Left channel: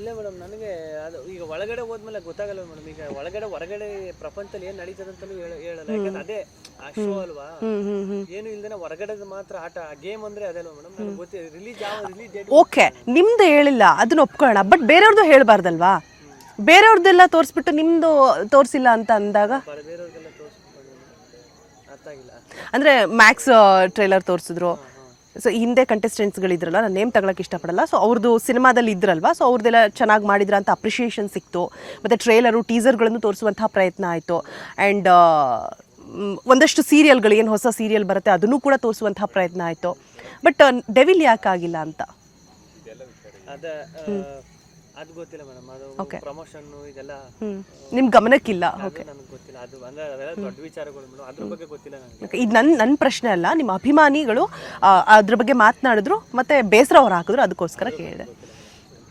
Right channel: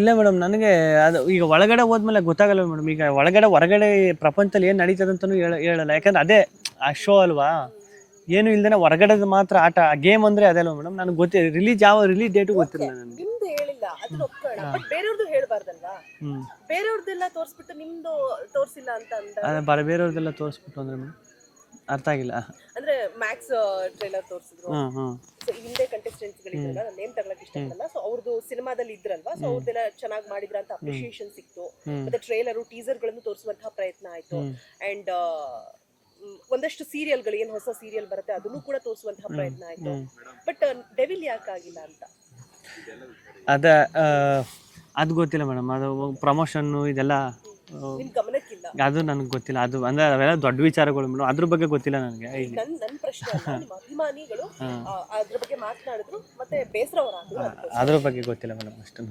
ಇಲ್ಲ ಮೇಡಮ್, ನನಗೆ ಅದು ಈಗ ಒಳಗಡೆ ಹೋದ್ಮೇಲೆ ಗೊತ್ತಾಗಲ್ಲ ಮೇಡಮ್. ಈಗ ಹೊರಗಡೆ ಪ್ರಪಂಚದಲ್ಲಿ ಏನ್ ನಡೀತದೆ ಅಂತಾನು ಹೇಳಲ್ಲ. ಯಾಕಂದ್ರೆ ಅದೇ ಆ ಶೋ ಅಲ್ವಾ. ಏನು ಇಲ್ದೇನೆ ಹೊರಗಡೆ ಮಾತ್ರ ಆಟ, ಗೇಮ್ ಅಂದ್ರೆ ಅದಲ್ವ ಮೇಡಮ್. ನನಗೆ ಗೊತ್ತಿಲ್ಲ ರಿಲೀಸ್ ಡೇಟ್ ಓಕೆ, ನಿಮ್ದು ಹೇಳಿಲ್ಲ ಅದನ್ನ ಒಪ್ಕೊಳ್ಳೋಣ, ಬಟ್ ಬೇರೆಯವ್ರದ್ದು ಹೇಳ್ಬಾರ್ದಲ್ವಾ? ಬೇರೆಯವ್ರದ್ದೆಲ್ಲ ತೋರಿಸ್ಬಿಟ್ಟು ನಿಮ್ದು ತೋರಿಸಿಲ್ಲ ಅಂತ ಅಂದಾಗ ಬೇರೆಯವ್ರದೆಲ್ಲ ತೋರಿಸ್ಬಿಟ್ಟು ಅಂದ್ರೆ ಮೇಡಮ್ ಅರ್ಥ ಆಗಿಲ್ಲ. ಅಂದ್ರೆ ಮ್ಯಾಕ್ಸ್ ಟ್ರೈಲರ್ ತೋರಿಸಿದ್ರು. ಹ್ಮ್ ಸೊ ಹಿಂದೆ ಕಂಟೆಸ್ಟೆಂಟ್ಸ್ ಗಳಿದ್ರಲ್ಲ, ನಾನು ನೇಮ್ ತಗೊಳಕ್ ಇಷ್ಟಪಡಲ್ಲ. ಸೊ ಅವ್ರದ್ದು ಸಿನಿಮಾದಲ್ಲಿ ಇದ್ರಲ್ವಾ, ಸೊ ಅವ್ರದ್ದೆಲ್ಲ ಚೆನ್ನಾಗಿ ಮಾಡಿದ್ರ ಅಂತ ಅಪ್ರಿಷಿಯೇಷನ್ ಸಿಕ್ತು. ಮತ್ತೆ ಟ್ರೈಲರು ಟೀಸರ್ಗಳನ್ನು ತೋರಿಸುವಂತಹ ಪ್ರಯತ್ನ ಆಯ್ತು. ಅಂಡ್ ಒಂದಷ್ಟು ಸೀರಿಯಲ್ಗಳು, ಏನು ಹೊಸ ಸೀರಿಯಲ್ ಬರುತ್ತೆ ಅದನ್ನು ಕೂಡ ತೋರಿಸುವಂತಹ ಪ್ರಯತ್ನ ಆಯ್ತು. ಬಟ್ ಡೆವಿಲ್ ಯಾಕಾಗಿಲ್ಲ ಅಂತ ಅದ ಅದು ಗೊತ್ತಿಲ್ಲ ಮೇಡಮ್. ಅದು ಪ್ರಮೋಷನ್ ಇದೆಲ್ಲ ನಿಮ್ ಗಮನಕ್ಕಿಲ್ಲ. ಅದು ನನಗೆ ಗೊತ್ತಿಲ್ಲ. ಅದು ಅಂದ್ರೆ ಅವೆಲ್ಲ ದೊಡ್ಡ ವಿಚಾರಗಳು ಮೇಡಮ್, ಅದ್ರ ಬಗ್ಗೆ ಗೊತ್ತಿಲ್ಲ ನನಗೆ. ಇದು ನನ್ನ ಪ್ರಶ್ನೆ ಅಲ್ಲ, ನಿಮ್ಮ ಅಭಿಮಾನಿಗಳು ಅದ್ರ ಬಗ್ಗೆ ಮಾತನಾಡಿದ್ರು ಮತ್ತೆ ಬೇಸರ ಅವ್ರು ಹಾಕಿದ್ರು, ಅದಕ್ಕೋಸ್ಕರ. ಅದ್ರ ಬಗ್ಗೆ ಗೊತ್ತಿಲ್ಲ ಮೇಡಮ್ ಅಷ್ಟೇ.